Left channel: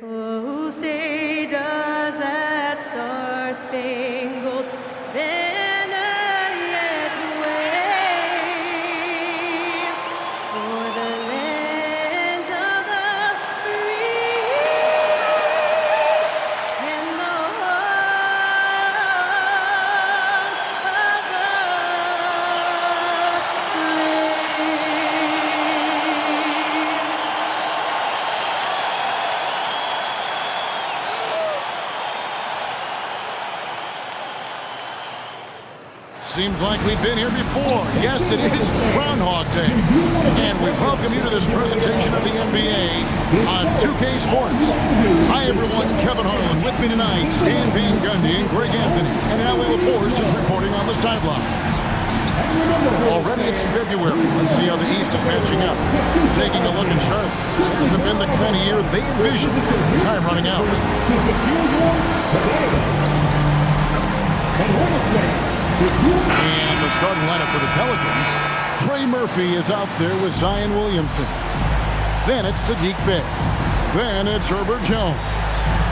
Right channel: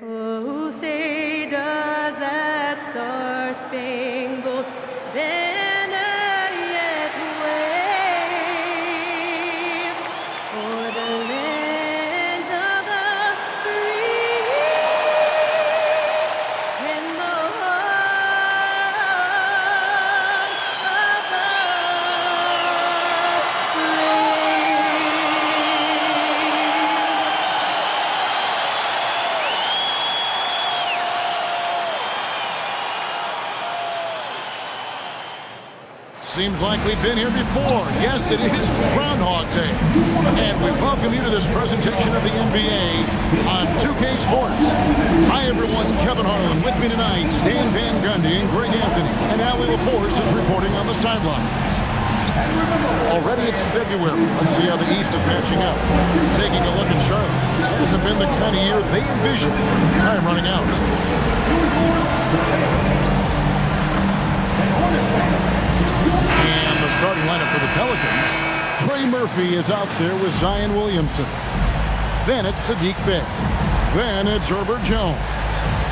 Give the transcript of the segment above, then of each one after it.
Oh, say does that star-spangled banner yet wave o'er the land of the free and the home of the Seems like we've been here before. Yes, it is Groundhog Day. And we welcome you to this presentation of the NBA on 2K Sports. Hi, everyone. Kevin Harlan with me tonight. Stan Van Gundy and Greg Anthony. And Allie LaForce is reporting on the sidelines. Already it's February. Let's see how the East is matching up. Taking a look at Charlotte. This hasn't been the kind of year they envisioned. Time running out. And the starting lineup for the Pelicans. Trey Murphy is out there with Zion Williamson. Then it's Sadiq Bey. Then it's Herbert Jones.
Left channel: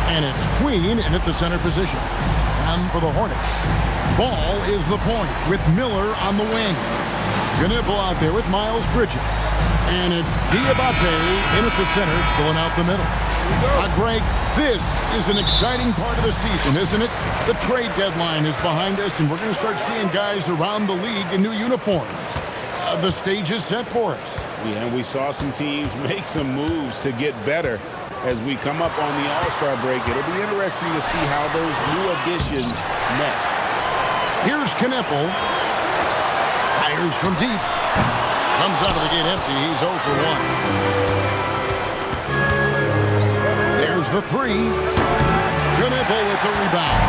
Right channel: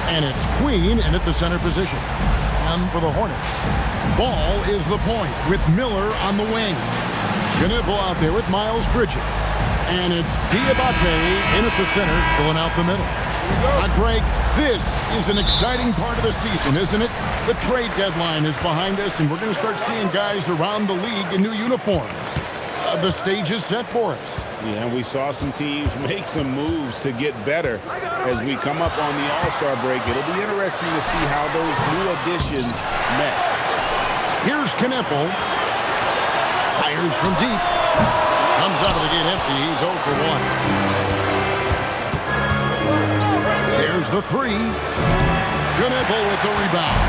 And it's Queen in at the center position. And for the Hornets, Ball is the point with Miller on the wing. Knipple out there with Miles Bridges. And it's Diabate in at the center, filling out the middle. Greg, this is an exciting part of the season, isn't it? The trade deadline is behind us, and we're going to start seeing guys around the league in new uniforms. The stage is set for us. Yeah, and we saw some teams make some moves to get better as we come up on the All-Star break. It'll be interesting to see how those new additions mesh. Here's Knipple. Fires from deep. Comes out of the gate empty. He's 0 for 1. There's the three. Knipple with the rebound.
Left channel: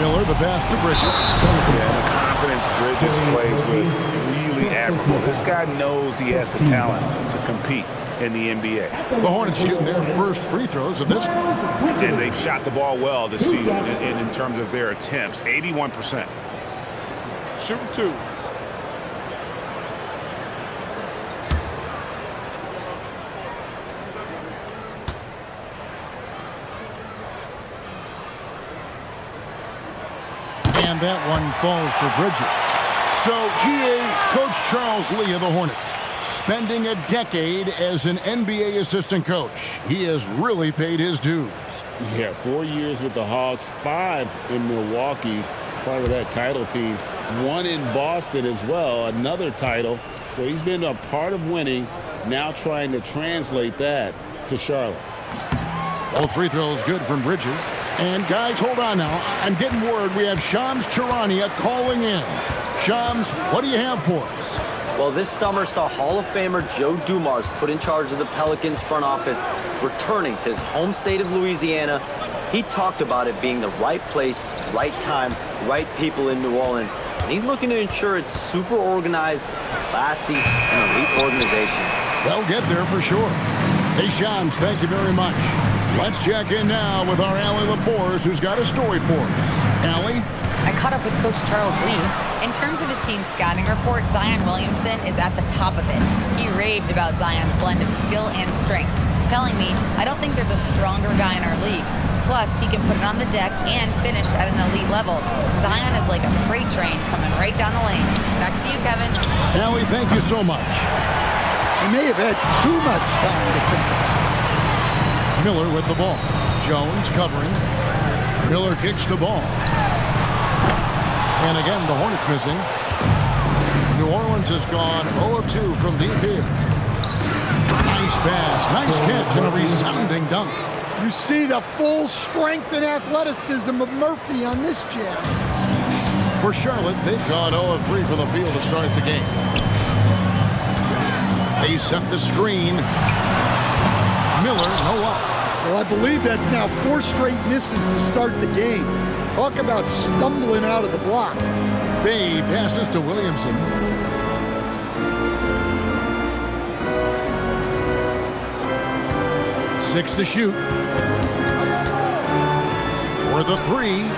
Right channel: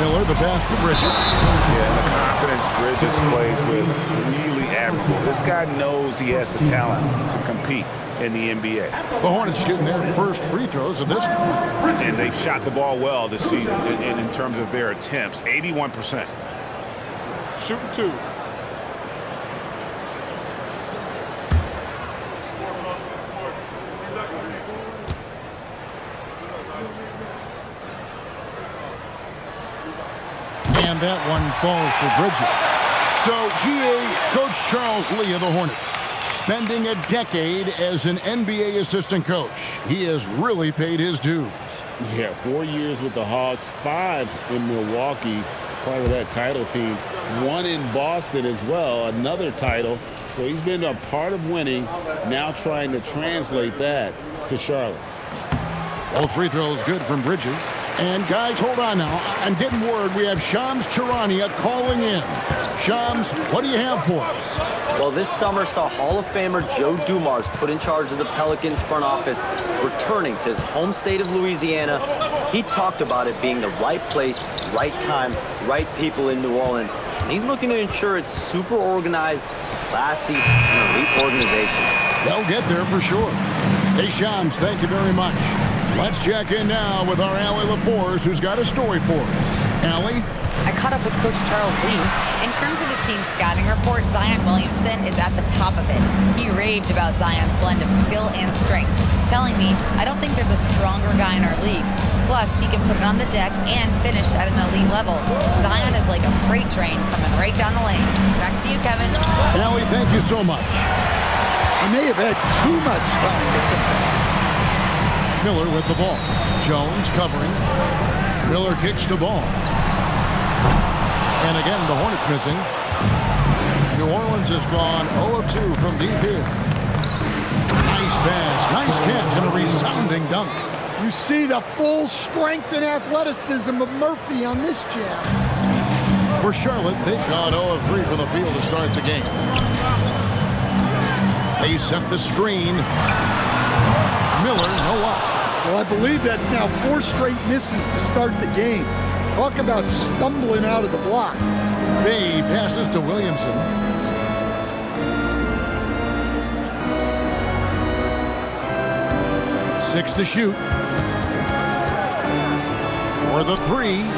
Miller, the pass to Bridges. Yeah, and the confidence Bridges plays with, really admirable. This guy knows he has the talent to compete in the NBA. The Hornets shooting their first free throws of this game. And they've shot the ball well this season in terms of their attempts, 81%. Shooting two. And that one falls for Bridges. So, GA, Coach Charles Lee of the Hornets, spending a decade as an NBA assistant coach. He has really paid his dues. Yeah, 4 years with the Hawks, 5 in Milwaukee, part of that title team. 1 in Boston as well, another title. So he's been a part of winning, now trying to translate that to Charlotte. All free throws good from Bridges. And guys, hold on now. I'm getting word we have Shams Chirania calling in. Shams, what do you have for us? Well, this summer saw Hall of Famer Joe Dumars put in charge of the Pelicans front office, returning to his home state of Louisiana. He talked about it being the right place, right time, right people in New Orleans. And he's looking to ensure it's super organized, classy, and elite organization. They'll get there for sure. Hey, Shams, thank you very much. Let's check in now with our Allie LaForce, who's got a story for us. Allie? I caught up with Coach Charles Lee. In terms of his team's scouting report, Zion Williamson is at the top of it. He raved about Zion's blend of skill and strength, telling me, I don't think there's a stronger guy in our league. Plus, he can put it on the deck and finish at an elite level. Zion is like a freight train coming right down the lane. Back to you, Kevin. Allie, thank you so much. He may have had too much time to think about it. Miller with the ball. Jones covering. Miller kicks the ball. And again, the Hornets missing. New Orleans has gone 0 of 2 from deep here. Nice pass, nice catch, and a resounding dunk. You see the full strength and athleticism of Murphy on this jam. For Charlotte, they've gone 0 of 3 from the field to start the game. They set the screen. Miller, no luck. Well, I believe that's now 4 straight misses to start the game. Talk about stumbling out of the block. Bey passes to Williamson. Six to shoot. For the three.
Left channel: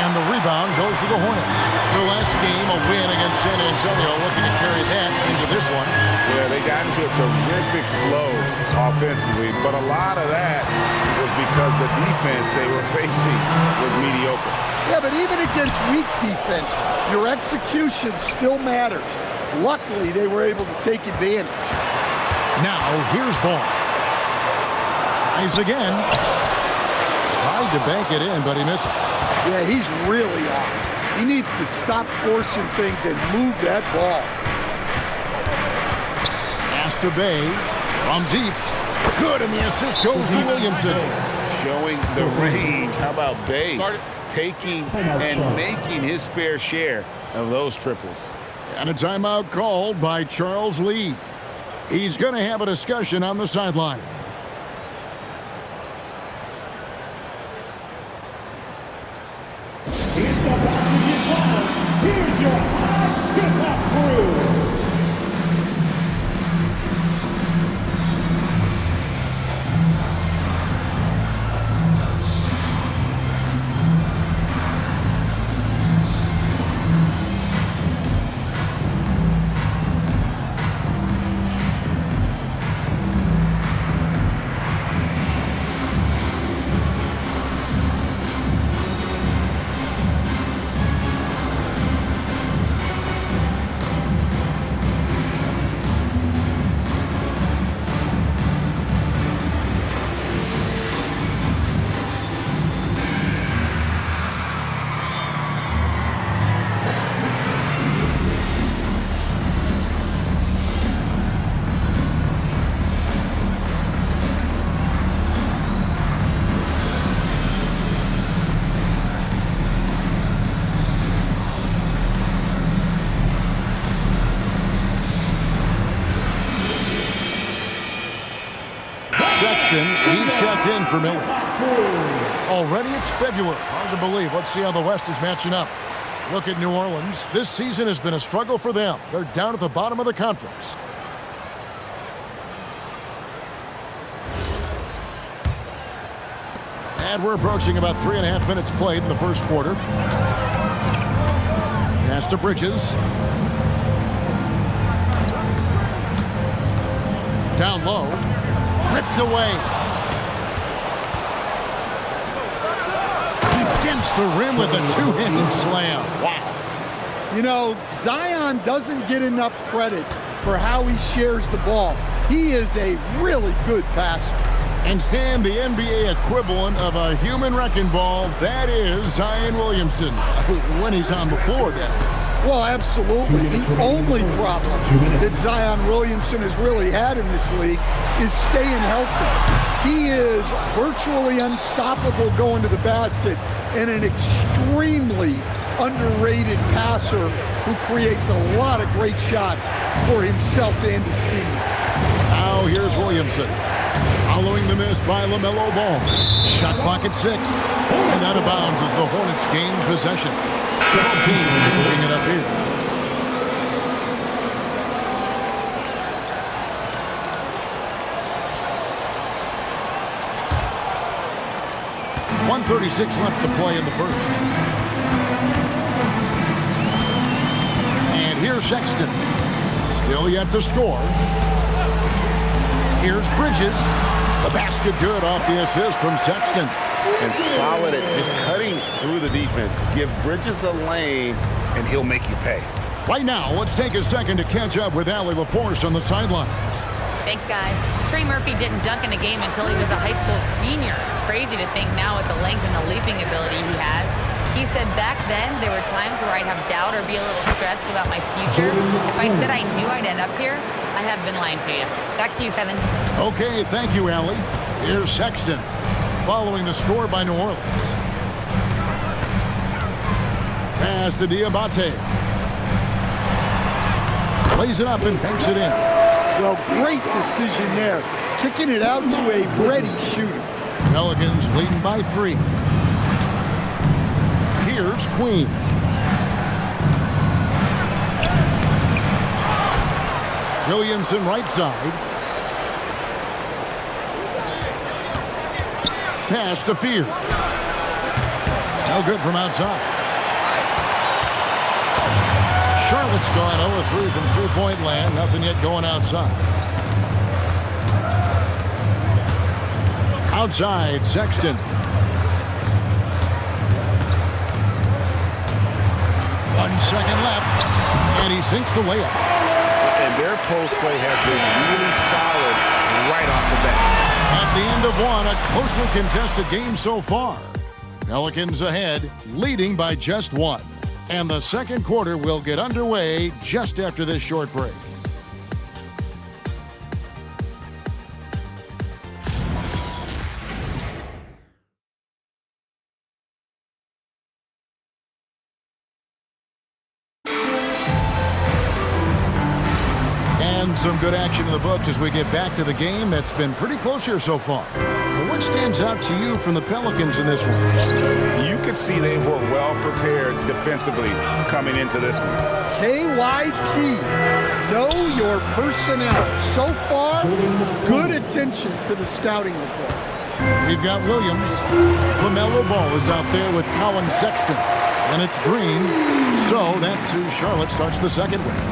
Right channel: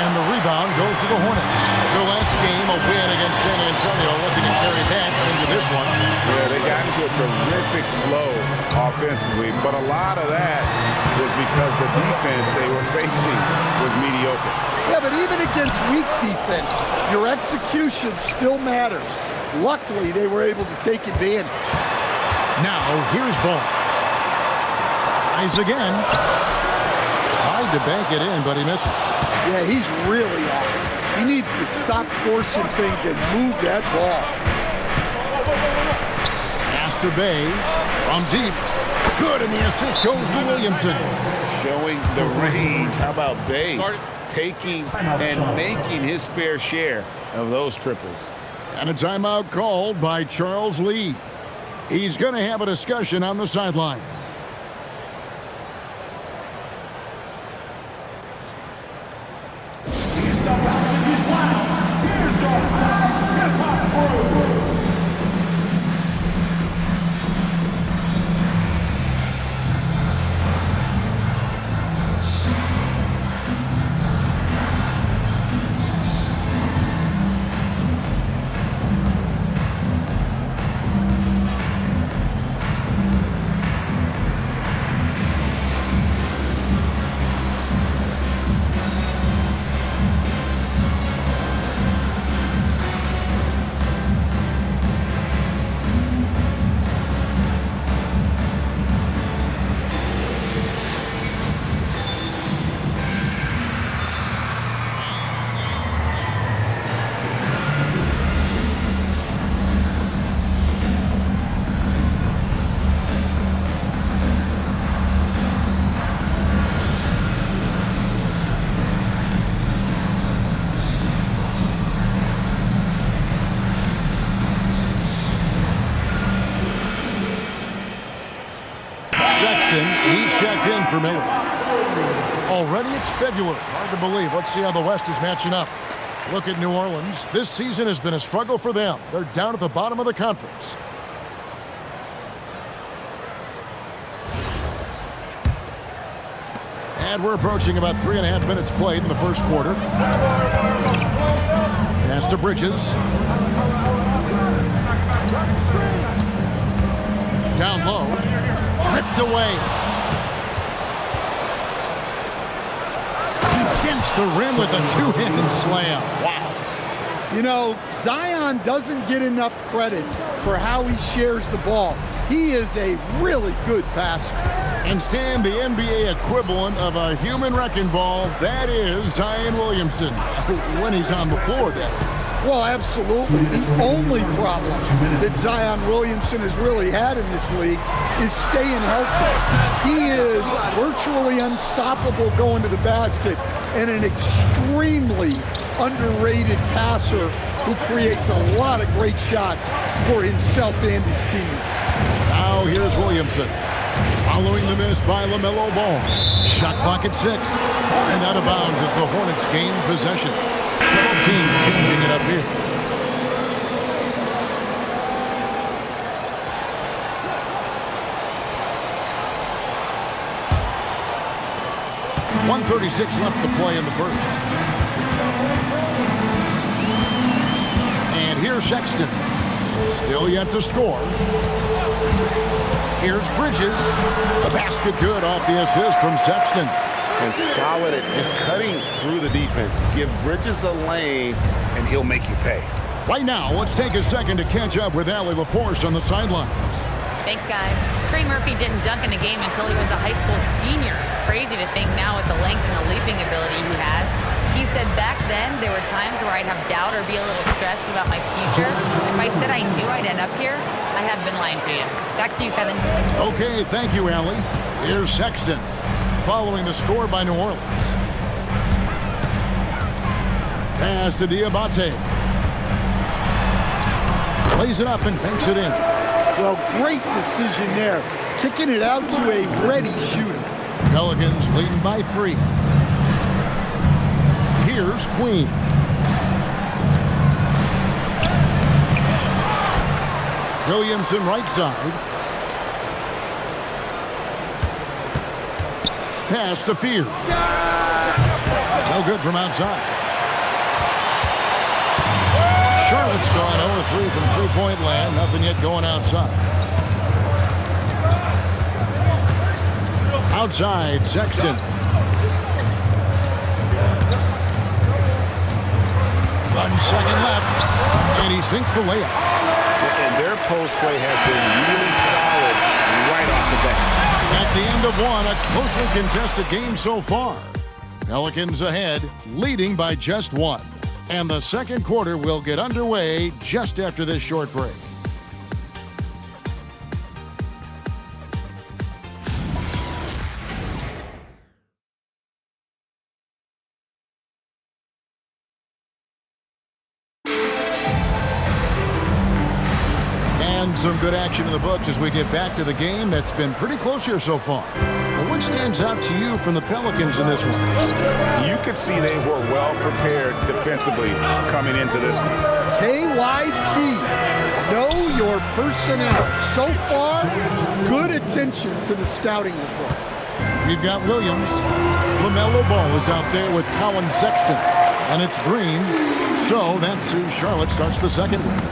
And the rebound goes to the Hornets. Their last game, a win against San Antonio, looking to carry that into this one. Yeah, they got into a terrific flow offensively, but a lot of that was because the defense they were facing was mediocre. Yeah, but even against weak defense, your execution still matters. Luckily, they were able to take advantage. Now, here's Ball. Tries again. Tried to bank it in, but he misses. Yeah, he's really off. He needs to stop forcing things and move that ball. Pass to Bay from deep. Good, and the assist goes to Williamson. Showing the range. How about Bay taking and making his fair share of those triples? And a timeout called by Charles Lee. He's going to have a discussion on the sideline. Here's your hip-hop crew. Sexton, he's checked in for Miller. Already it's February. Hard to believe. Let's see how the West is matching up. Look at New Orleans. This season has been a struggle for them. They're down at the bottom of the conference. And we're approaching about 3.5 minutes played in the first quarter. Pass to Bridges. Down low. Ripped away. He dents the rim with a two-handed slam. Wow. You know, Zion doesn't get enough credit for how he shares the ball. He is a really good passer. And Stan, the NBA equivalent of a human wrecking ball, that is Zion Williamson. When he's on the floor, that is. Well, absolutely. The only problem that Zion Williamson has really had in this league is staying healthy. He is virtually unstoppable going to the basket and an extremely underrated passer who creates a lot of great shots for himself and his teammates. Now here's Williamson. Following the miss by LaMelo Ball. Shot clock at 6. And out of bounds as the Hornets gain possession. Several teams changing it up here. .136 left to play in the first. And here's Sexton. Still yet to score. Here's Bridges. The basket good off the assist from Sexton. And solid at just cutting through the defense. Give Bridges a lane, and he'll make you pay. Right now, let's take a second to catch up with Allie LaForce on the sidelines. Thanks, guys. Trey Murphy didn't dunk in a game until he was a high school senior. Crazy to think now with the length and the leaping ability he has. He said back then there were times where I'd have doubt or be a little stressed about my future. If I said I knew I'd end up here, I have been lying to you. Back to you, Kevin. Okay, thank you, Allie. Here's Sexton. Following the score by New Orleans. Pass to Diabate. Plays it up and banks it in. Well, great decision there. Kicking it out to a ready shooter. Pelicans leading by 3. Here's Queen. Williamson right side. Pass to Fear. No good from outside. Charlotte's gone 0-3 from three-point land. Nothing yet going outside. Outside, Sexton. 1 second left, and he sinks the layup. And their post play has been really solid right off the bat. At the end of one, a closely contested game so far. Pelicans ahead, leading by just 1. And the second quarter will get underway just after this short break. And some good action in the books as we get back to the game that's been pretty close here so far. And what stands out to you from the Pelicans in this one? You could see they were well prepared defensively coming into this one. KYP, know your personnel. So far, good attention to the scouting report. We've got Williams. LaMelo Ball is out there with Colin Sexton. And it's Green. So that's who Charlotte starts the second with.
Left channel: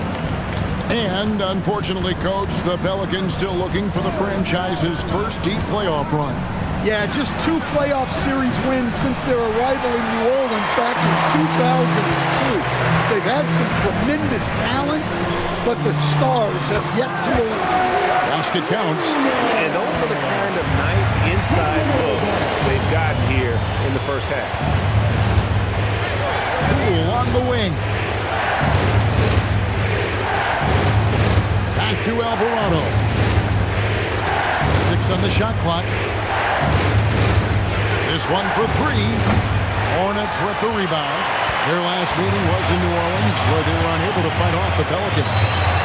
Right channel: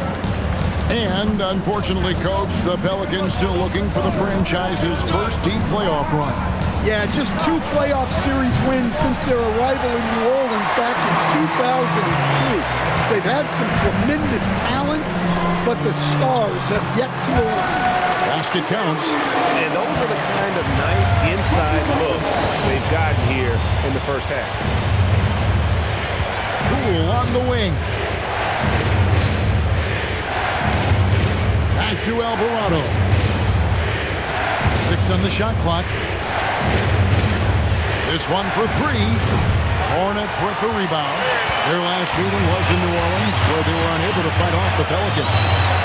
And, unfortunately, Coach, the Pelicans still looking for the franchise's first deep playoff run. Yeah, just 2 playoff series wins since their arrival in New Orleans back in 2002. They've had some tremendous talents, but the stars have yet to align. Basket counts. And those are the kind of nice inside looks they've gotten here in the first half. Poole on the wing. Back to Alvarado. 6 on the shot clock. This one for 3. Hornets with the rebound. Their last meeting was in New Orleans, where they were unable to fight off the Pelicans.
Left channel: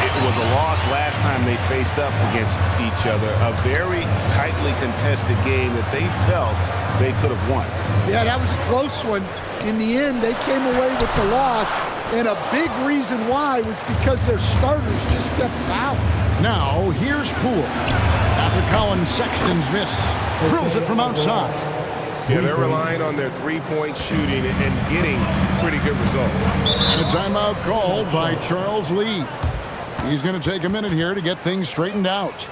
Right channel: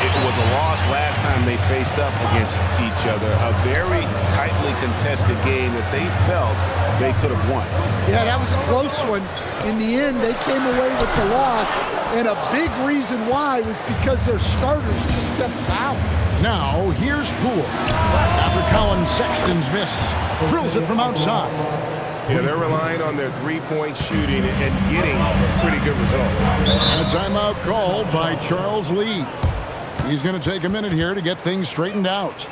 It was a loss last time they faced up against each other. A very tightly contested game that they felt they could have won. Yeah, that was a close one. In the end, they came away with the loss. And a big reason why was because their starters just kept fouling. Now, here's Poole. After Colin Sexton's miss, drills it from outside. Yeah, they're relying on their three-point shooting and getting pretty good results. And a timeout called by Charles Lee. He's going to take a minute here to get things straightened out.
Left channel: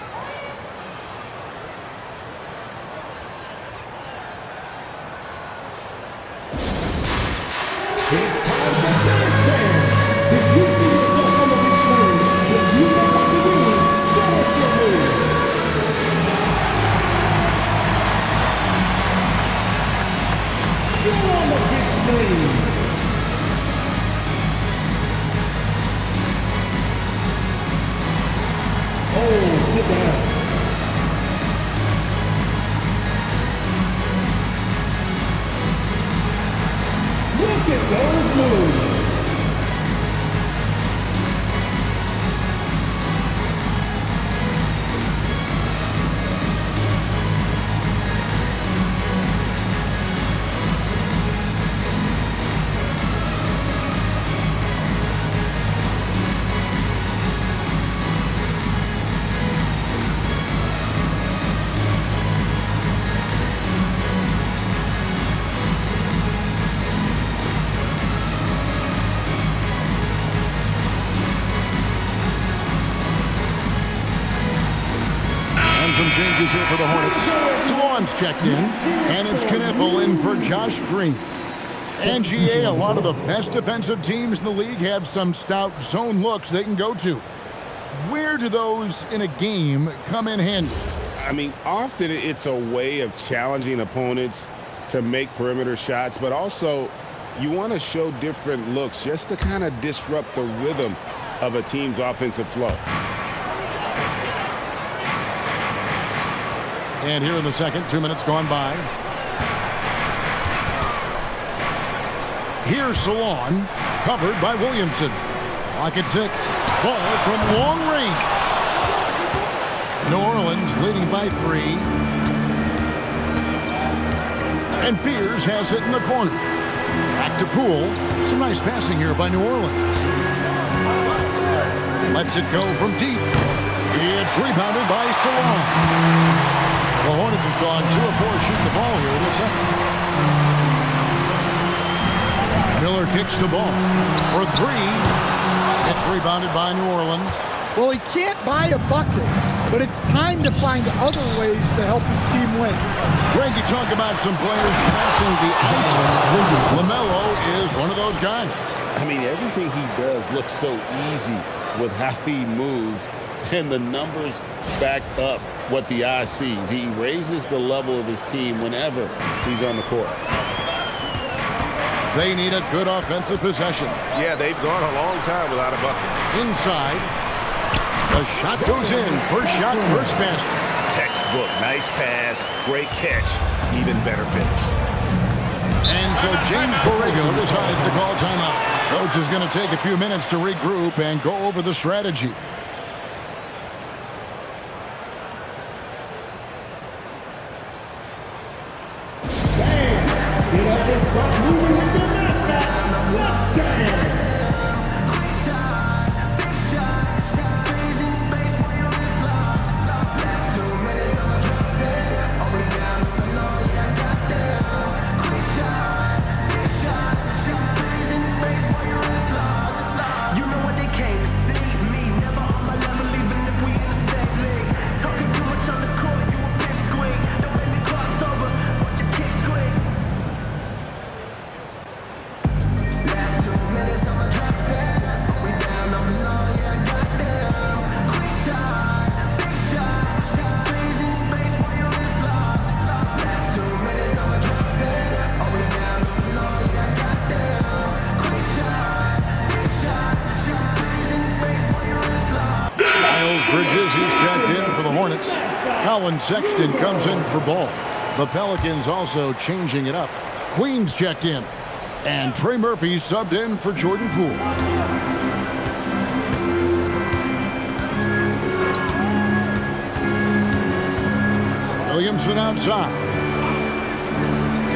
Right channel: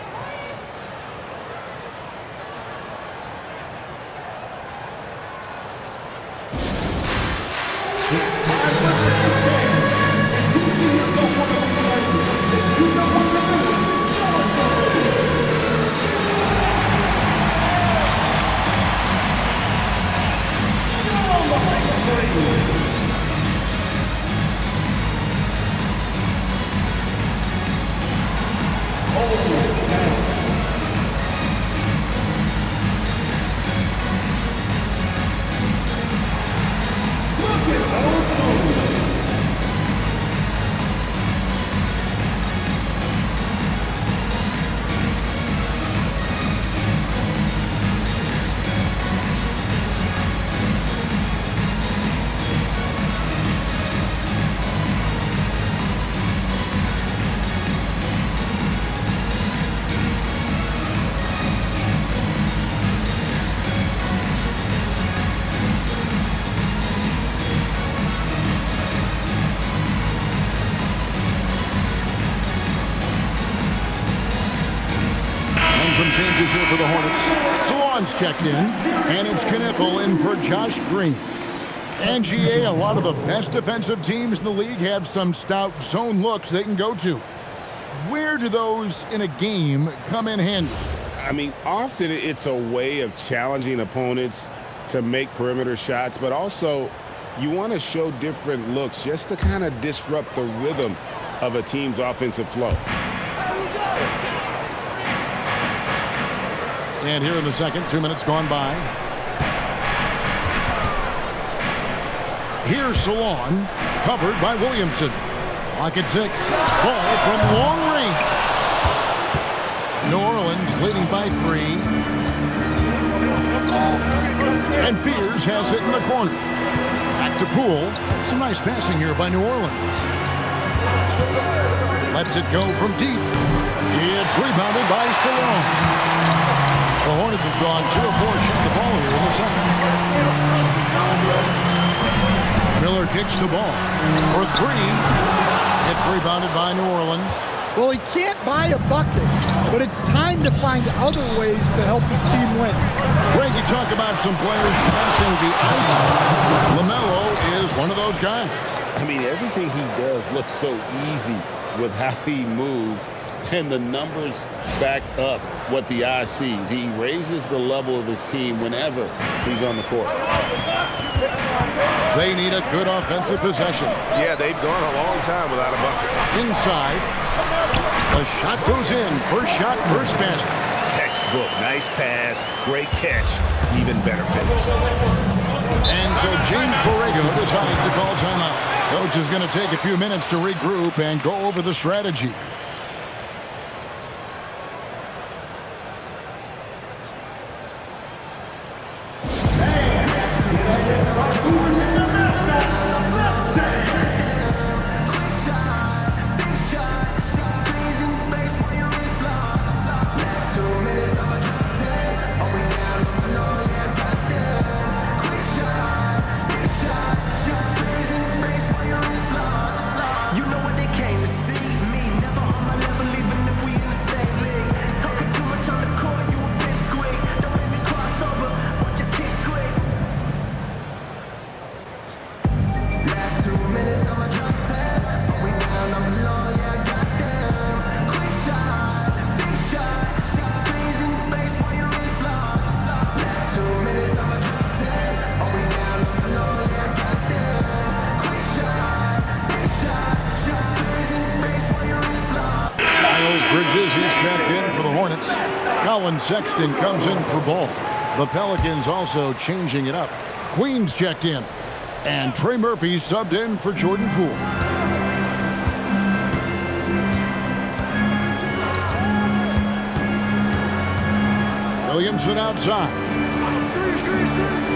Some changes here for the Hornets. Salon's checked in, and it's Knipple in for Josh Green. And GA, a lot of the best defensive teams in the league have some stout zone looks they can go to. Where do those in a game come in handy? I mean, often it's a way of challenging opponents to make perimeter shots, but also you want to show different looks just to kind of disrupt the rhythm of a team's offensive flow. And here in the second, 2 minutes gone by. Here's Salon, covered by Williamson. Clock at 6. Ball from long range. New Orleans leading by 3. And Fears has it in the corner. Back to Poole. Some nice passing here by New Orleans. Lets it go from deep. It's rebounded by Salon. The Hornets have gone 2 of 4 shooting the ball here in the second. Miller kicks the ball for 3. It's rebounded by New Orleans. Well, he can't buy a bucket, but it's time to find other ways to help his team win. Greg, you talk about some players passing the eye test. LaMelo is one of those guys. I mean, everything he does looks so easy with how he moves, and the numbers back up what the eye sees. He raises the level of his team whenever he's on the court. They need a good offensive possession. Yeah, they've gone a long time without a bucket. Inside. The shot goes in. First shot, first basket. Textbook. Nice pass. Great catch. Even better finish. And so James Borrego decides to call timeout. Coach is going to take a few minutes to regroup and go over the strategy. Bridges, he's checked in for the Hornets. Colin Sexton comes in for Ball. The Pelicans also changing it up. Queen's checked in. And Trey Murphy subbed in for Jordan Poole. Williamson outside.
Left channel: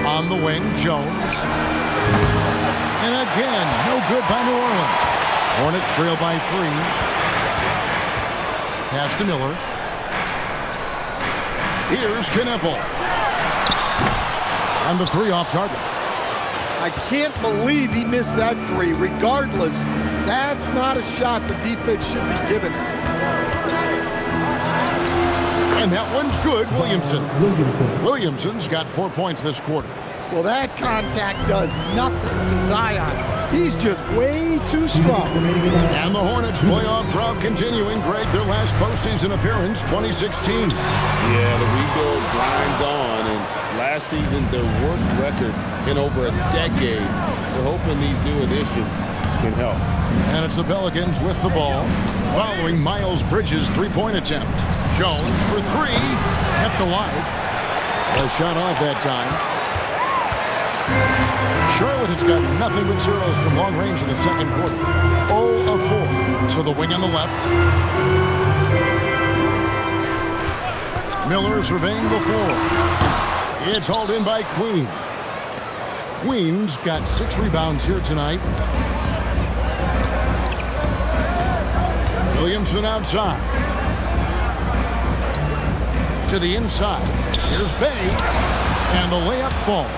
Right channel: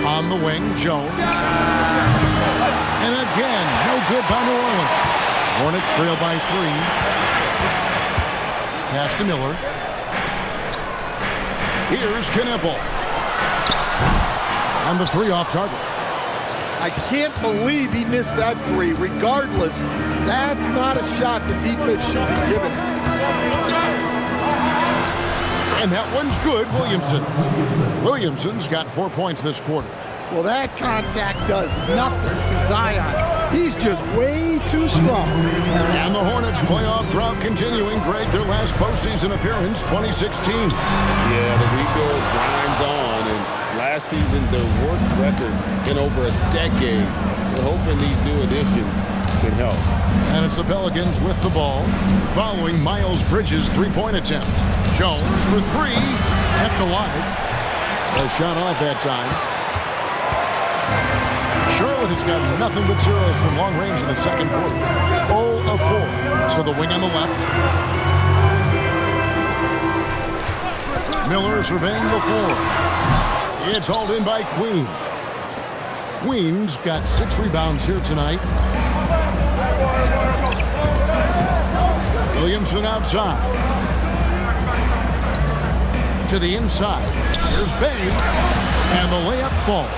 On the wing, Jones. And again, no good by New Orleans. Hornets trail by 3. Pass to Miller. Here's Knipple. And the 3 off target. I can't believe he missed that 3. Regardless, that's not a shot the defense should be giving him. And that one's good, Williamson. Williamson's got 4 points this quarter. Well, that contact does nothing to Zion. He's just way too strong. And the Hornets playoff drought continuing. Greg, their last postseason appearance, 2016. Yeah, the rebuild grinds on, and last season, their worst record in over a decade. We're hoping these new additions can help. And it's the Pelicans with the ball, following Miles Bridges' 3-point attempt. Jones for 3, kept alive. A shot off that time. Charlotte has got nothing but zeros from long range in the second quarter. 0 of 4. So the wing on the left. Miller surveying the floor. It's hauled in by Queen. Queen's got 6 rebounds here tonight. Williamson outside. To the inside. Here's Bay. And the layup falls.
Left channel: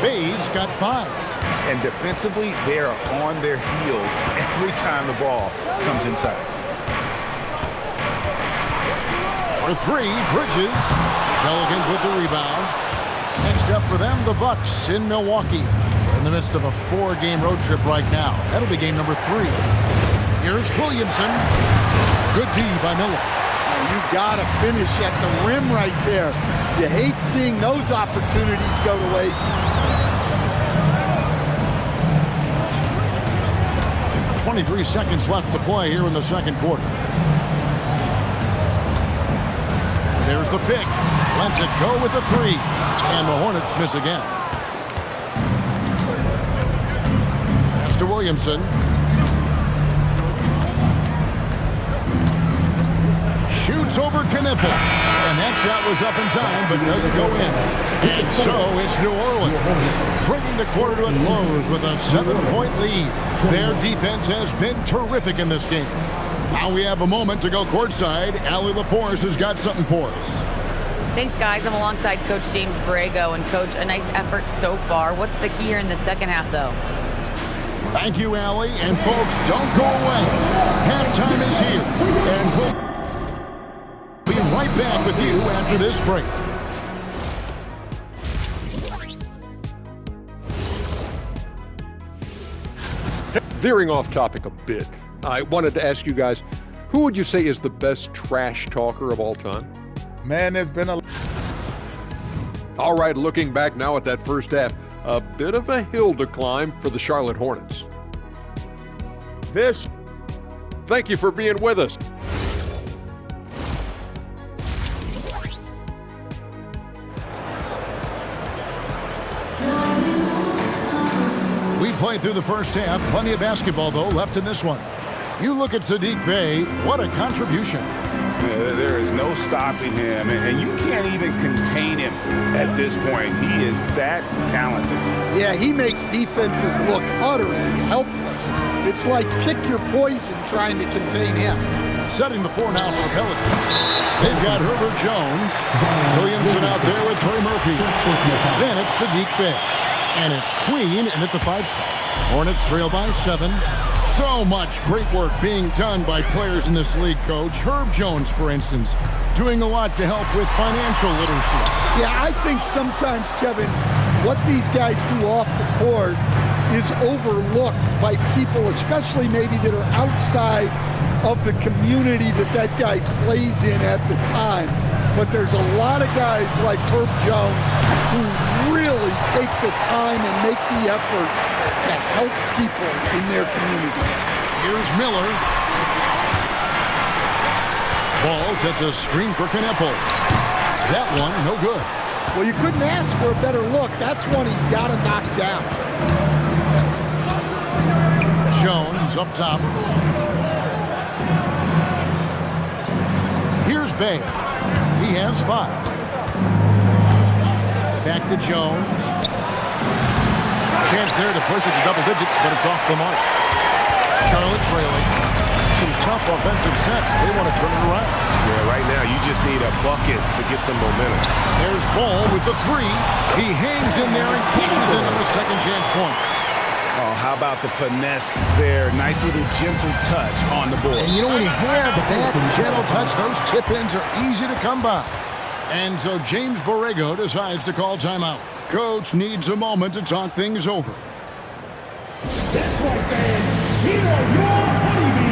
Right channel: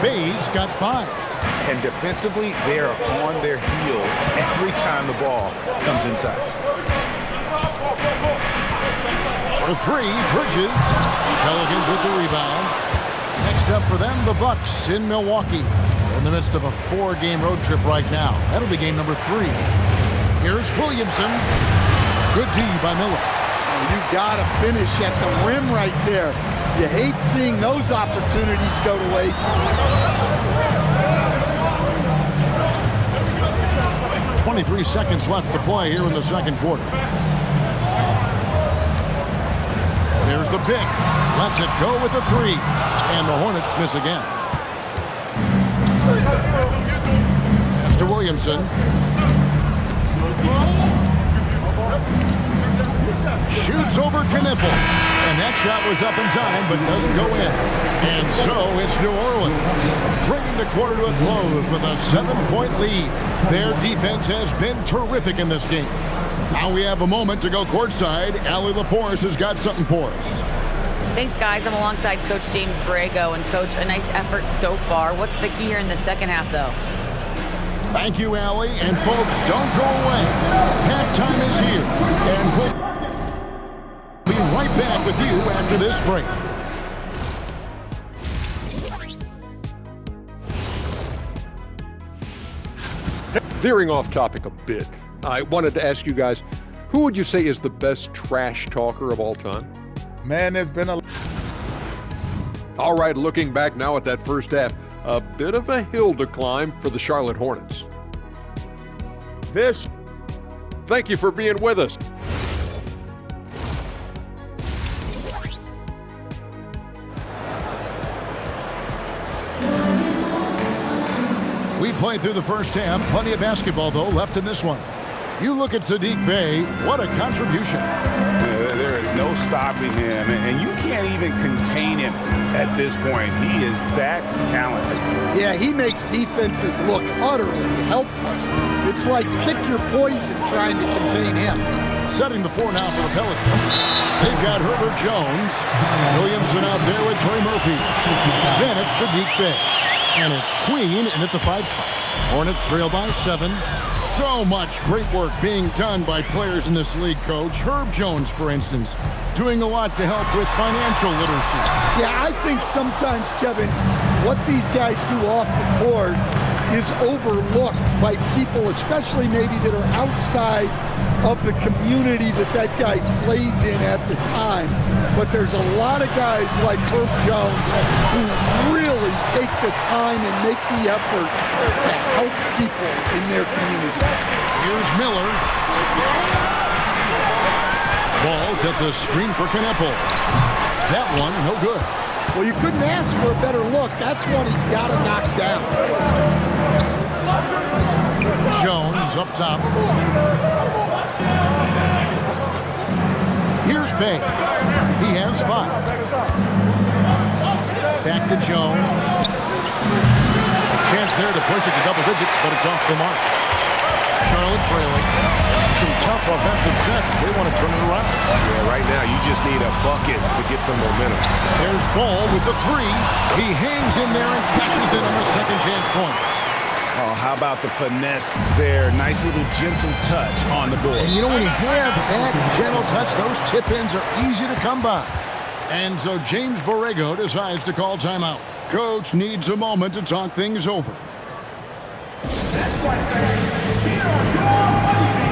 Bay's got 5. And defensively, they are on their heels every time the ball comes inside. For 3, Bridges. Pelicans with the rebound. Next up for them, the Bucks in Milwaukee. They're in the midst of a 4-game road trip right now. That'll be game number 3. Here's Williamson. Good D by Miller. Oh, you gotta finish at the rim right there. You hate seeing those opportunities go to waste. 23 seconds left to play here in the second quarter. There's the pick. Lets it go with a 3. And the Hornets miss again. Pass to Williamson. Shoots over Knipple. And that shot was up in time, but doesn't go in. And so it's New Orleans, bringing the quarter to a close with a 7-point lead. Their defense has been terrific in this game. Now we have a moment to go courtside. Allie LaForce has got something for us. Thanks, guys. I'm alongside Coach James Borrego. And, Coach, a nice effort so far. What's the key here in the second half, though? Thank you, Allie. And folks, don't go away. Halftime is here. And we'll be right back with you after this break. Veering off topic a bit, I wanted to ask you guys, who would you say is the best trash talker of all time? Man, there's been a... All right, looking back now at that first half, a bit of a hill to climb for the Charlotte Hornets. This... Thank you for being with us. We played through the first half. Plenty of basketball, though, left in this one. You look at Saddiq Bey. What a contribution. There is no stopping him, and you can't even contain him at this point. He is that talented. Yeah, he makes defenses look utterly helpless. It's like pick your poison trying to contain him. Setting the floor now for the Pelicans. They've got Herbert Jones. Williamson out there with Trey Murphy. Then it's Saddiq Bey. And it's Queen in at the 5 spot. Hornets trail by 7. So much great work being done by players in this league, Coach. Herb Jones, for instance, doing a lot to help with financial literacy. Yeah, I think sometimes, Kevin, what these guys do off the court is overlooked by people, especially maybe that are outside of the community that guy plays in at the time. But there's a lot of guys like Herb Jones who really take the time and make the effort to help people in their community. Here's Miller. Ball sets a screen for Knepple. That one, no good. Well, you couldn't ask for a better look. That's one he's got to knock down. Jones up top. Here's Bey. He has 5. Back to Jones. Chance there to push it to double digits, but it's off the mark. Charlotte trailing. Some tough offensive sets. They want to turn it around. Yeah, right now you just need a bucket to get some momentum. There's Ball with the 3. He hangs in there and cashes in on the second chance points. Oh, how about the finesse there? Nice little gentle touch on the board. And you know, when you have that gentle touch, those tip-ins are easy to come by. And so James Borrego decides to call timeout. Coach needs a moment to talk things over. That's right, fans. Here are your honeybees.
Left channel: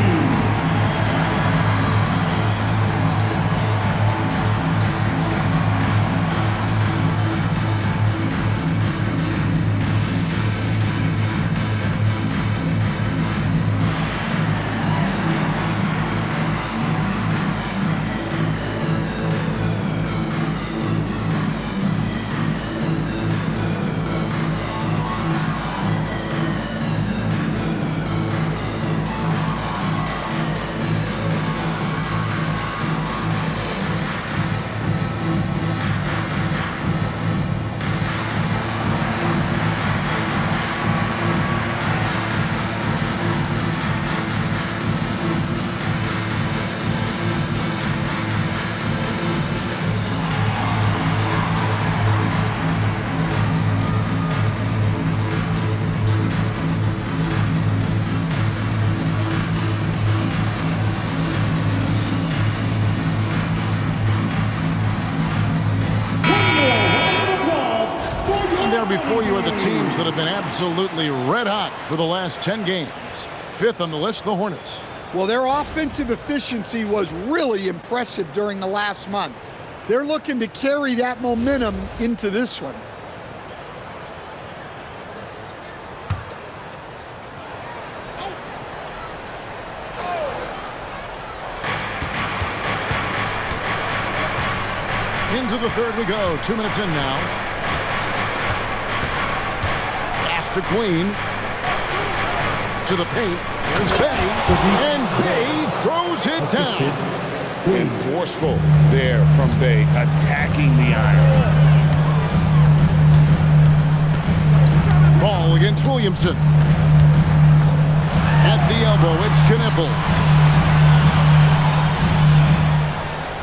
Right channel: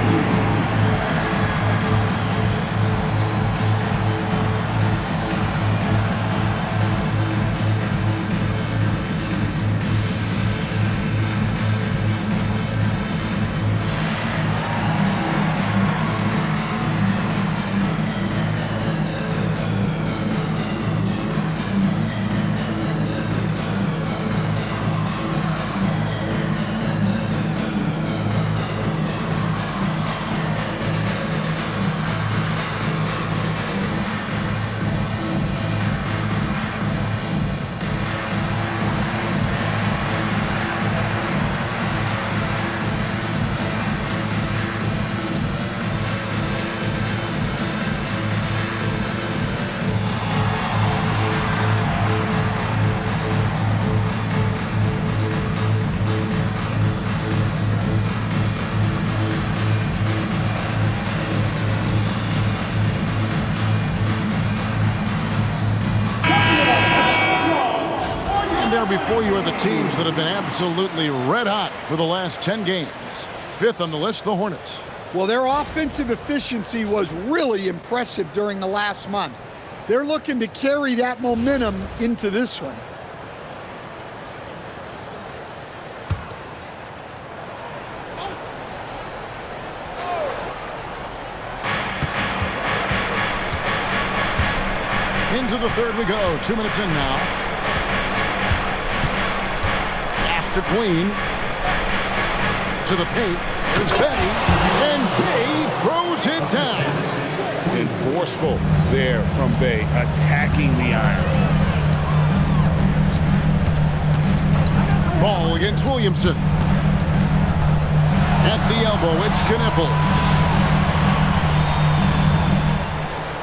There before you are the teams that have been absolutely red hot for the last 10 games. 5th on the list, the Hornets. Well, their offensive efficiency was really impressive during the last month. They're looking to carry that momentum into this one. Into the 3rd we go. 2 minutes in now. To Queen, to the paint, here's Bey, and Bey throws it down. And forceful there from Bey, attacking the iron. Ball against Williamson. At the elbow, it's Knepple.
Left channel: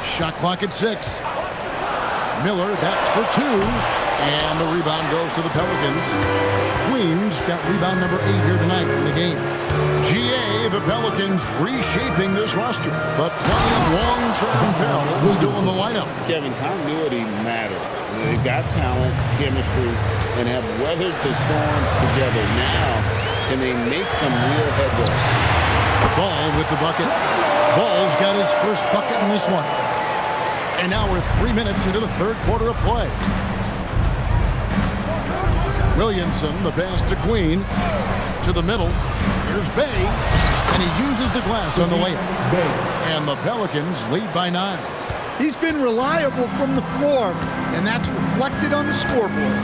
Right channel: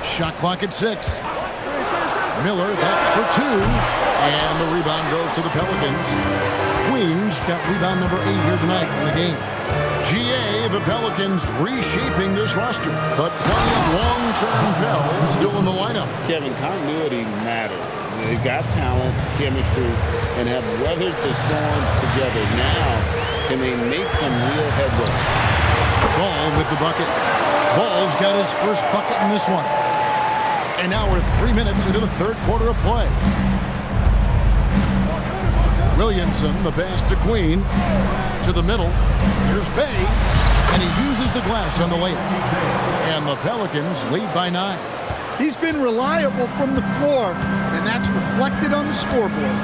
Shot clock at 6. Miller, that's for 2. And the rebound goes to the Pelicans. Queens got rebound number 8 here tonight in the game. GA, the Pelicans reshaping this roster, but plenty of long-term Pell still in the lineup. Kevin, continuity matters. They've got talent, chemistry, and have weathered the storms together. Now, can they make some real headway? Ball with the bucket. Ball's got his first bucket in this one. And now we're 3 minutes into the third quarter of play. Williamson, the pass to Queen. To the middle. Here's Bay. And he uses the glass on the layup. And the Pelicans lead by 9. He's been reliable from the floor, and that's reflected on the scoreboard.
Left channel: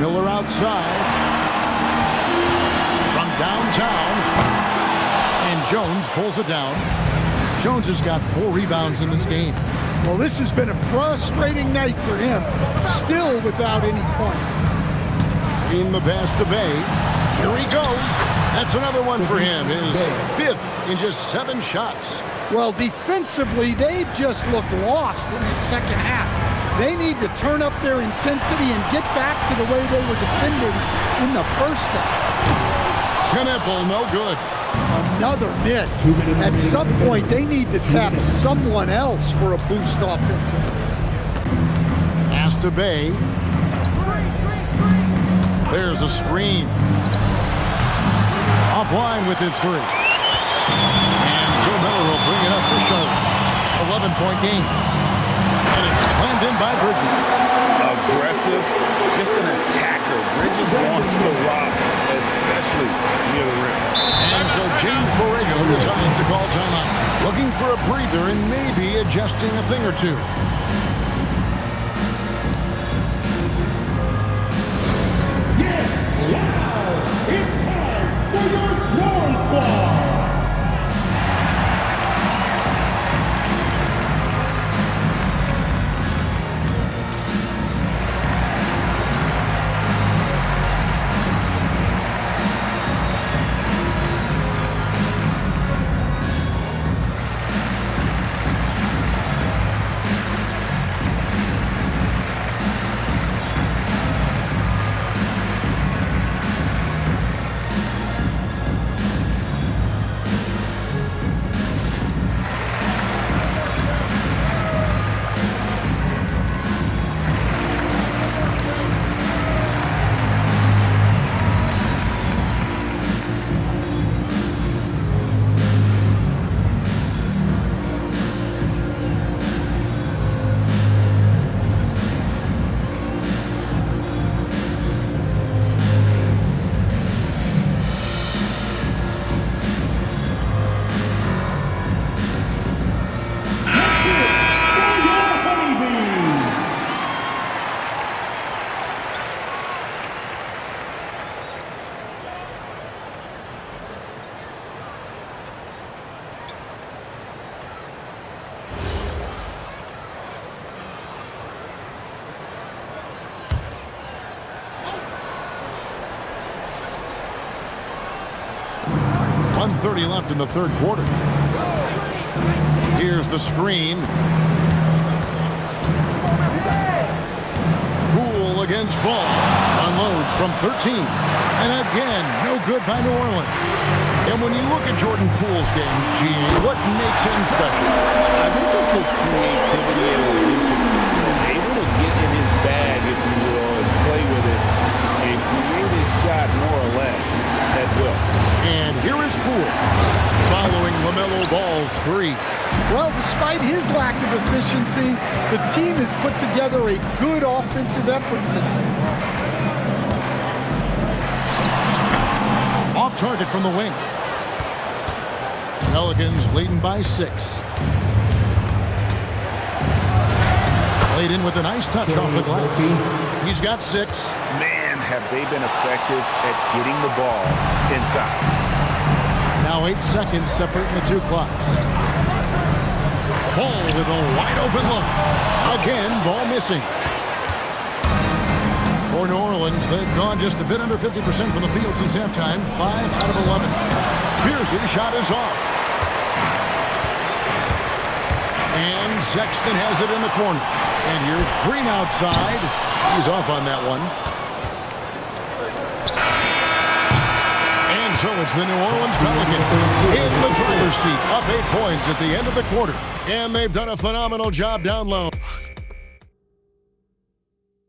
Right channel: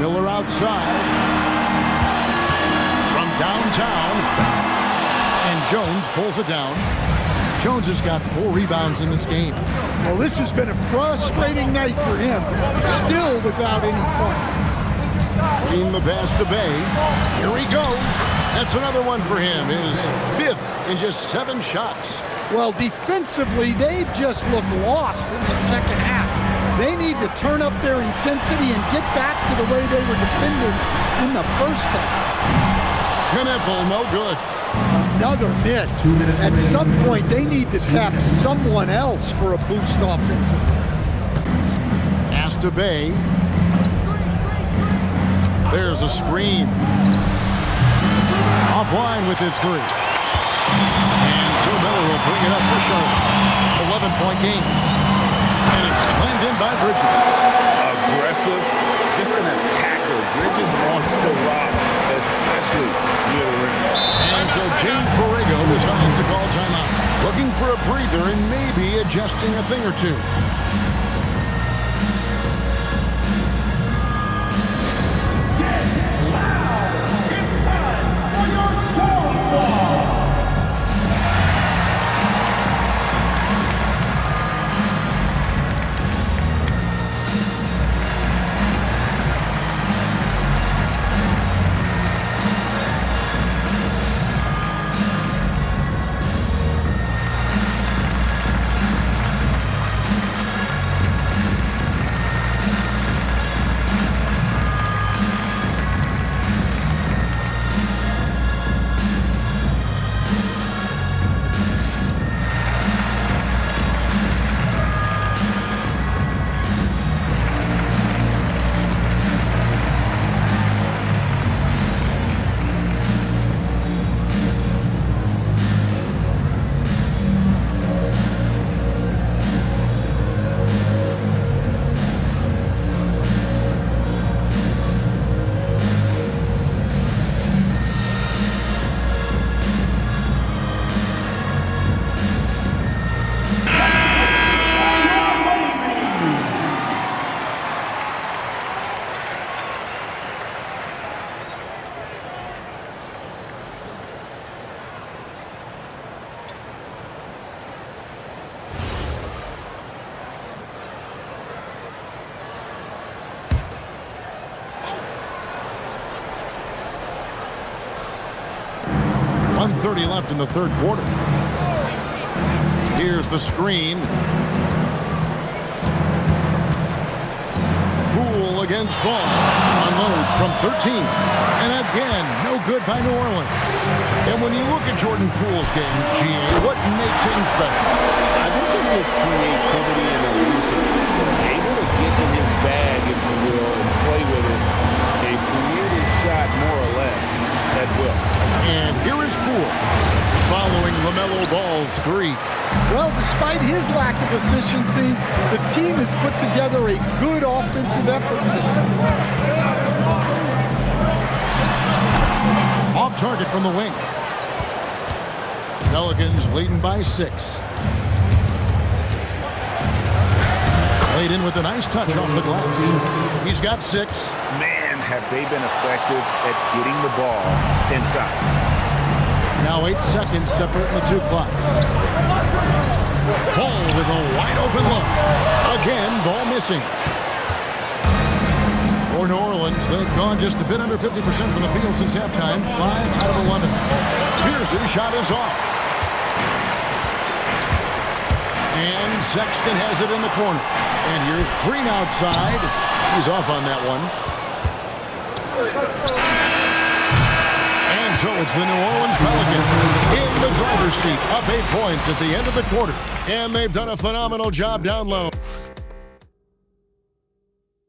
Miller outside. From downtown. And Jones pulls it down. Jones has got 4 rebounds in this game. Well, this has been a frustrating night for him, still without any points. In the pass to Bay. Here he goes. That's another one for him. His 5th in just 7 shots. Well, defensively, they've just looked lost in the second half. They need to turn up their intensity and get back to the way they were defending in the first half. Knipple, no good. Another miss. At some point, they need to tap someone else for a boost offensively. Pass to Bay. There's a screen. Offline with his 3. And so Miller will bring it up for Charlotte. 11-point game. And it's slammed in by Bridges. Aggressive, just an attacker. Bridges wants to rock, especially near the rim. And so James Borrego decides to call timeout. Looking for a breather and maybe adjusting a thing or two. It's time for your Swarm Squad. .130 left in the third quarter. Here's the screen. Poole against Ball. Unloads from 13. And again, no good by New Orleans. And when you look at Jordan Poole's game, GA, what makes him special? I think it's his creativity and elusiveness. Able to get in his bag, if you will, and play with it and create his shot more or less at will. And here is Poole following LaMelo Ball's 3. Well, despite his lack of efficiency, the team has put together a good offensive effort tonight. Off target from the wing. Pelicans leading by 6. Played in with a nice touch off the glass. He's got 6. Man, have they been effective at getting the ball inside. Now 8 seconds separating the 2 clocks. Ball with a wide open look. Again, ball missing. For New Orleans, they've gone just a bit under 50% from the field since halftime. 5 out of 11. Pierce's shot is off. And Sexton has it in the corner. And here's Green outside. He's off on that one. And so it's the New Orleans Pelicans in the driver's seat, up 8 points at the end of the quarter. And they've done a phenomenal job down low.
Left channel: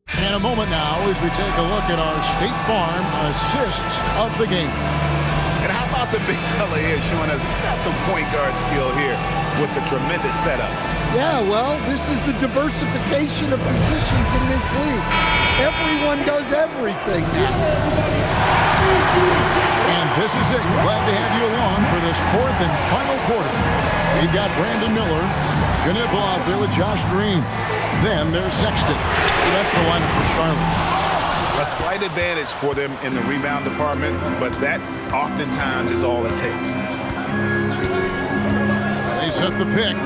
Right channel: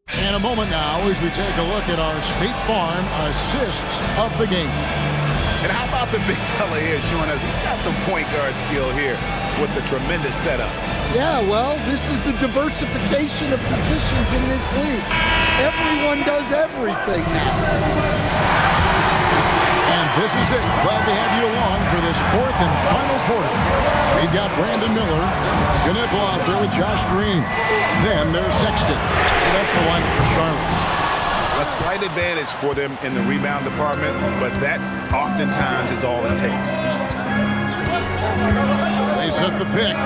And a moment now as we take a look at our State Farm assists of the game. And how about the big fella here showing us he's got some point guard skill here with the tremendous setup. Yeah, well, this is the diversification of positions in this league. Everyone does everything now. And this is it. Glad to have you along for this fourth and final quarter. We've got Brandon Miller, Knipple out there with Josh Green. Then there's Sexton. So that's the lineup for Charlotte. A slight advantage for them in the rebound department, but that oftentimes is all it takes. They set the pick.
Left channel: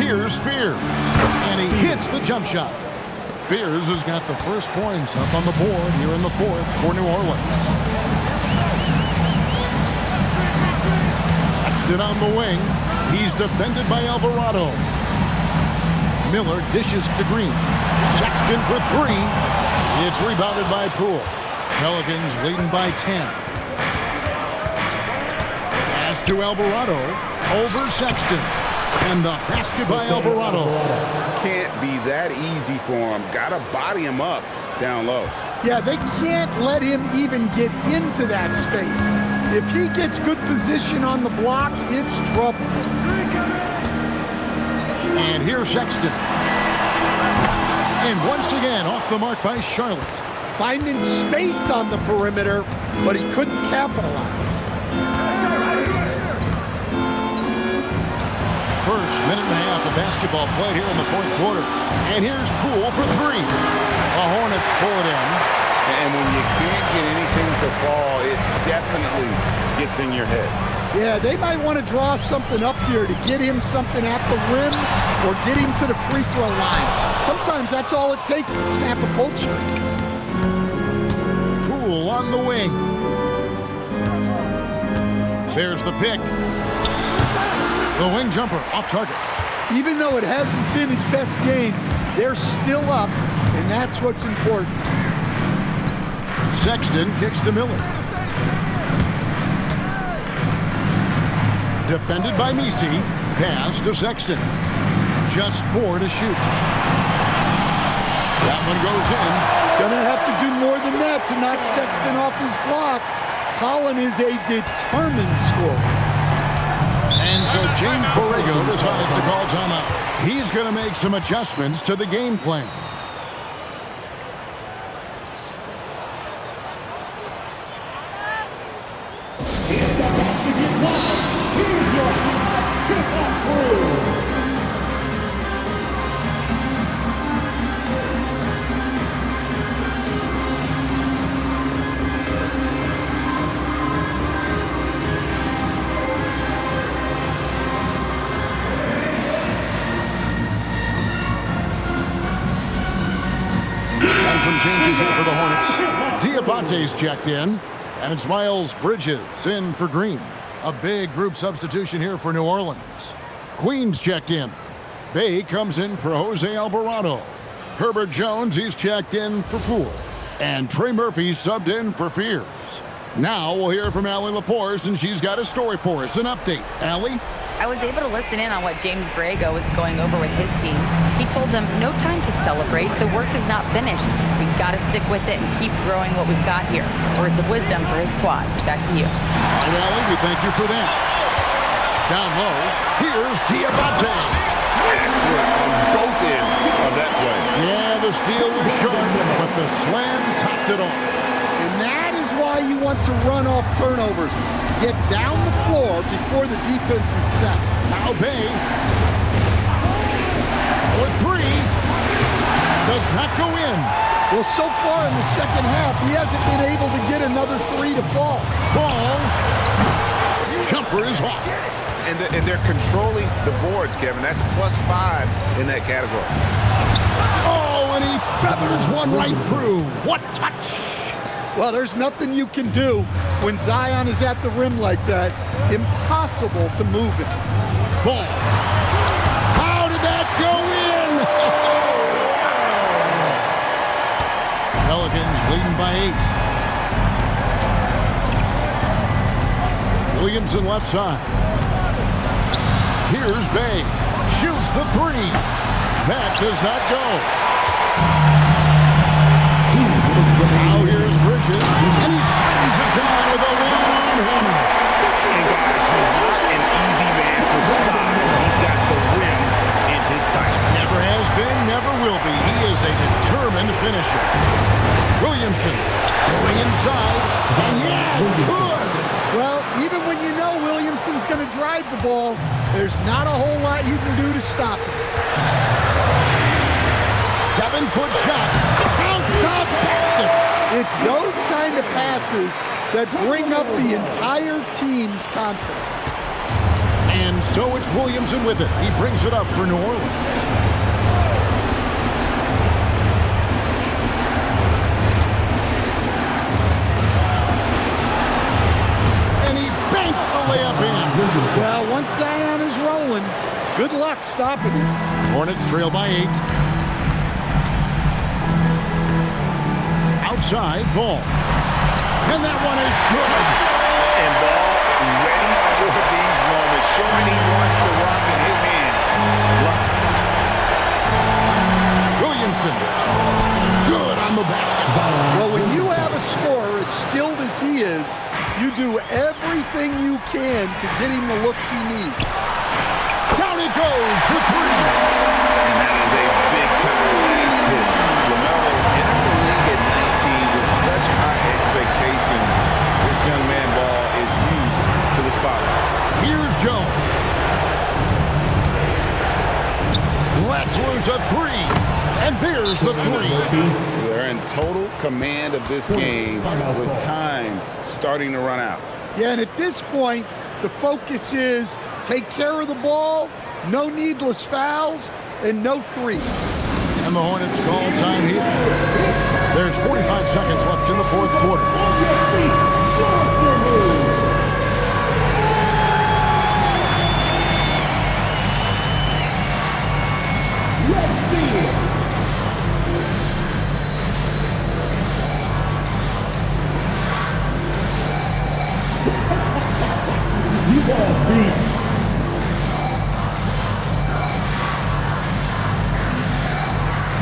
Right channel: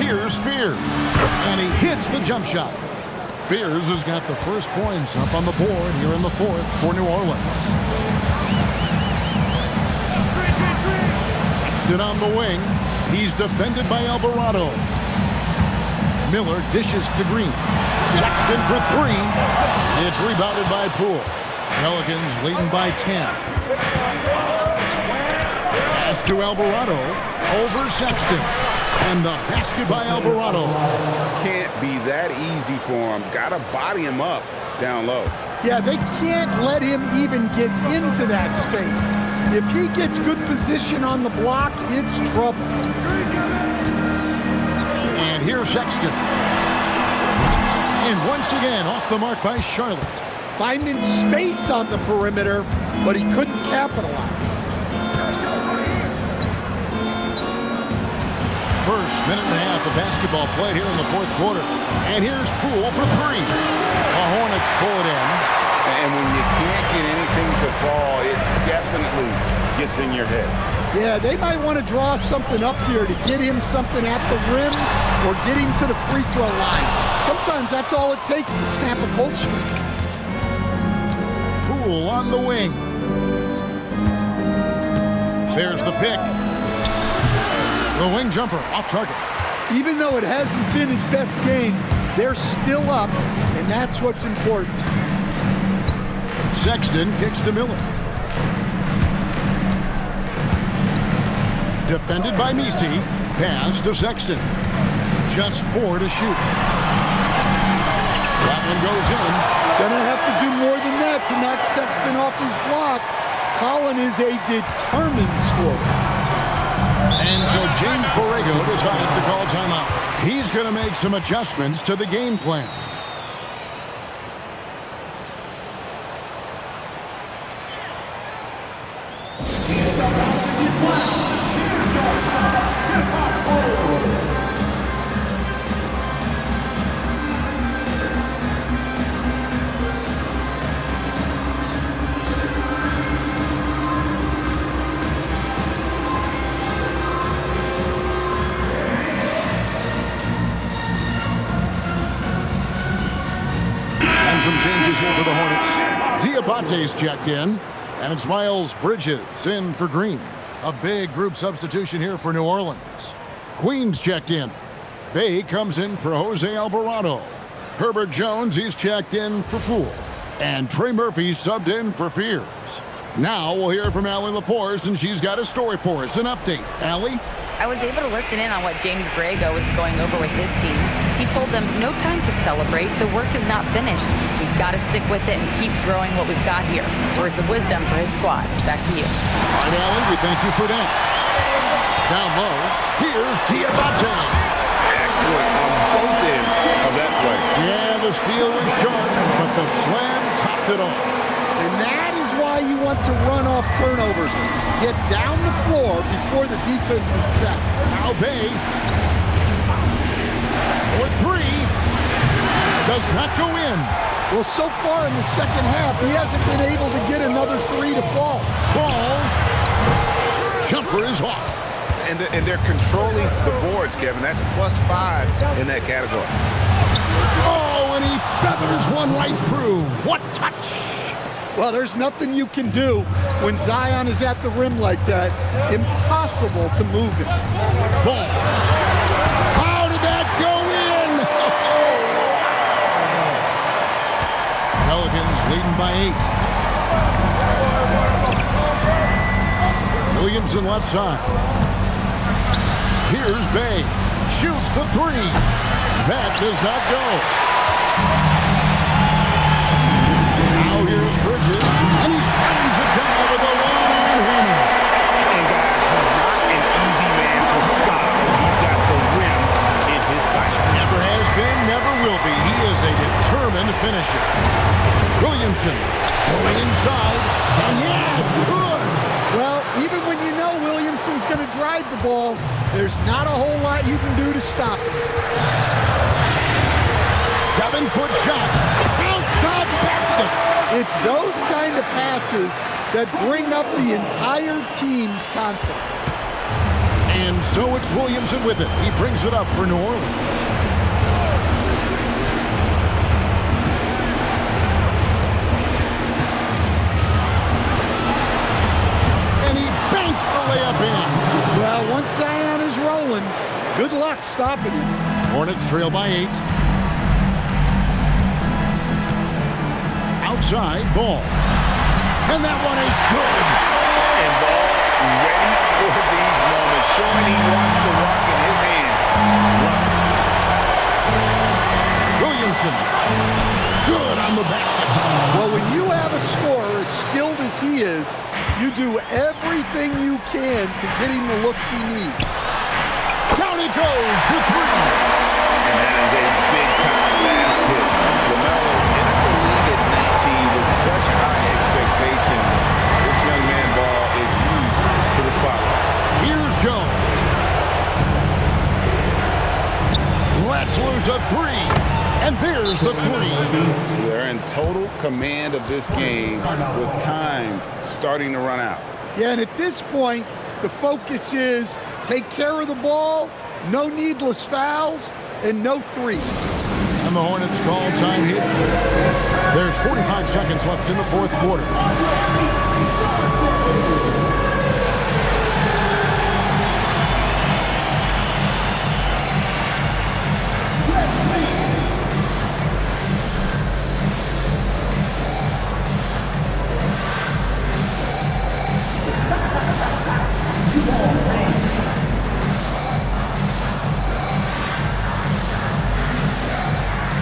Here's Fears. And he hits the jump shot. Fears has got the first points up on the board here in the fourth for New Orleans. Sexton on the wing. He's defended by Alvarado. Miller dishes to Green. Sexton for three. It's rebounded by Poole. Pelicans leading by 10. Pass to Alvarado. Over Sexton. And the basket by Alvarado. Can't be that easy for him. Gotta body him up down low. Yeah, they can't let him even get into that space. If he gets good position on the block, it's trouble. And here's Sexton. And once again, off the mark by Charlotte. Finding space on the perimeter, but he couldn't capitalize. First minute and a half of basketball played here in the fourth quarter. And here's Poole for three. The Hornets pull it in. And when you can't get anything to fall, it definitely gets in your head. Yeah, they might want to draw something up here to get him something at the rim or get him to the free throw line. Sometimes that's all it takes to snap a cold streak. Poole on the wing. There's the pick. The wing jumper off target. Even though it hasn't been his best game, they're still up, and that's what's important. Sexton kicks to Miller. Defended by Misi. Pass to Sexton. Just 4 to shoot. That one goes in. Gonna have to do more than that to knock Sexton off his block. Colin is a determined scorer. And so James Borrego decides to call timeout. He's going to make some adjustments to the game plan. Some changes here for the Hornets. Diabate's checked in, and it's Miles Bridges in for Green. A big group substitution here for New Orleans. Queen's checked in. Bay comes in for Jose Alvarado. Herbert Jones, he's checked in for Poole. And Trey Murphy subbed in for Fears. Now we'll hear from Allie LaForce, and she's got a story for us, an update. Allie? I was able to listen in on what James Borrego was going over with his team. He told them, no time to celebrate. The work is not finished. We've got to stick with it and keep growing what we've got here. Words of wisdom for his squad. Back to you. All right, Allie, we thank you for that. Down low, here's Diabate. Excellent on both ends of that play. Yeah, the steal was sharp, but the slam topped it off. And that is why you want to run off turnovers. Get down the floor before the defense is set. Now Bay for three. Does not go in. Well, so far in the second half, he hasn't been able to get another three to fall. Ball. Jumper is off. And they're controlling the boards, Kevin. That's +5 in that category. Oh, and he feathers one right through. What touch. Well, there's nothing you can do when Zion is at the rim like that. Impossible to move him. Ball. How did that go in? Oh, Pelicans leading by 8. Williamson left side. Here's Bay. Shoots the three. That does not go. Now here's Bridges, and he slams it down with a one-arm hammer. And guys, he's not an easy man to stop when he's got the rim in his sights. Never has been, never will be. He is a determined finisher. Williamson going inside, and yeah, it's good. Well, even when you know Williamson's going to drive the ball, there's not a whole lot you can do to stop him. 7-foot shot. Count the basket. It's those kind of passes that bring up the entire team's confidence. And so it's Williamson with it. He brings it up for New Orleans. And he banks the layup in. Well, once Zion is rolling, good luck stopping him. Hornets trail by 8. Outside, Ball. And that one is good. And Ball ready for these moments, showing he wants the rock in his hands. Williamson, good on the basket. Well, when you have a scorer as skilled as he is, you do everything you can to get him the looks he needs. Down it goes for 3. And that is a big-time basket. LaMelo entered the league at 19 with such high expectations. This young man Ball is used to the spotlight. Here's Jones. Let's lose a 3. And there's the 3. They're in total command of this game with time starting to run out. Yeah, and at this point, the focus is take care of the ball, no needless fouls, and no threes. And the Hornets call time here. There's 45 seconds left in the fourth quarter.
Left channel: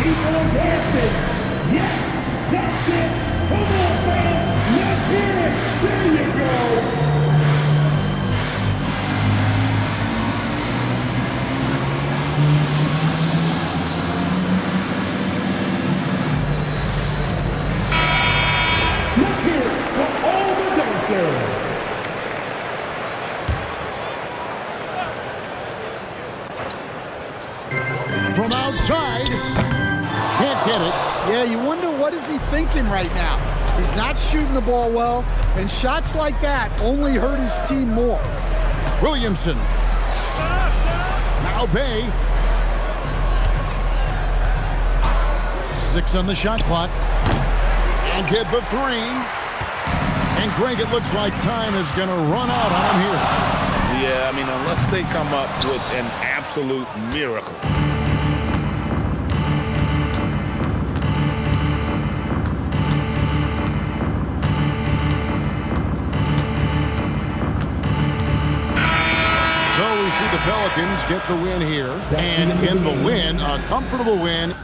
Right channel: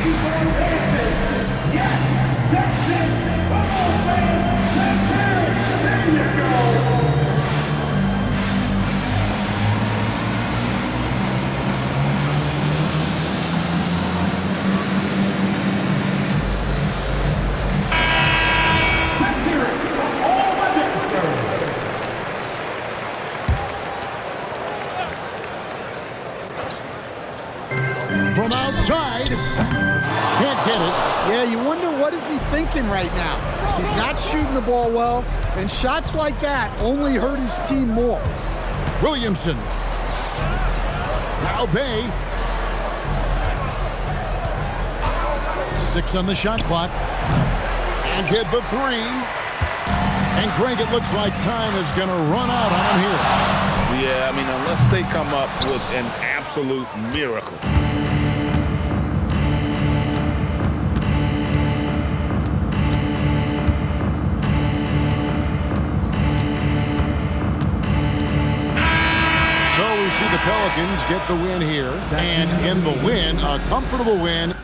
Keep on dancing. Yes, that's it. Come on, fans. Let's hear it. There you go. Let's hear it for all the dancers. From outside, can't get it. Yeah, you wonder what is he thinking right now. He's not shooting the ball well, and shots like that only hurt his team more. Williamson. Now Bay. 6 on the shot clock. And get the 3. And Greg, it looks like time is going to run out on him here. Yeah, I mean, unless they come up with an absolute miracle. So we see the Pelicans get the win here. And in the win, a comfortable win.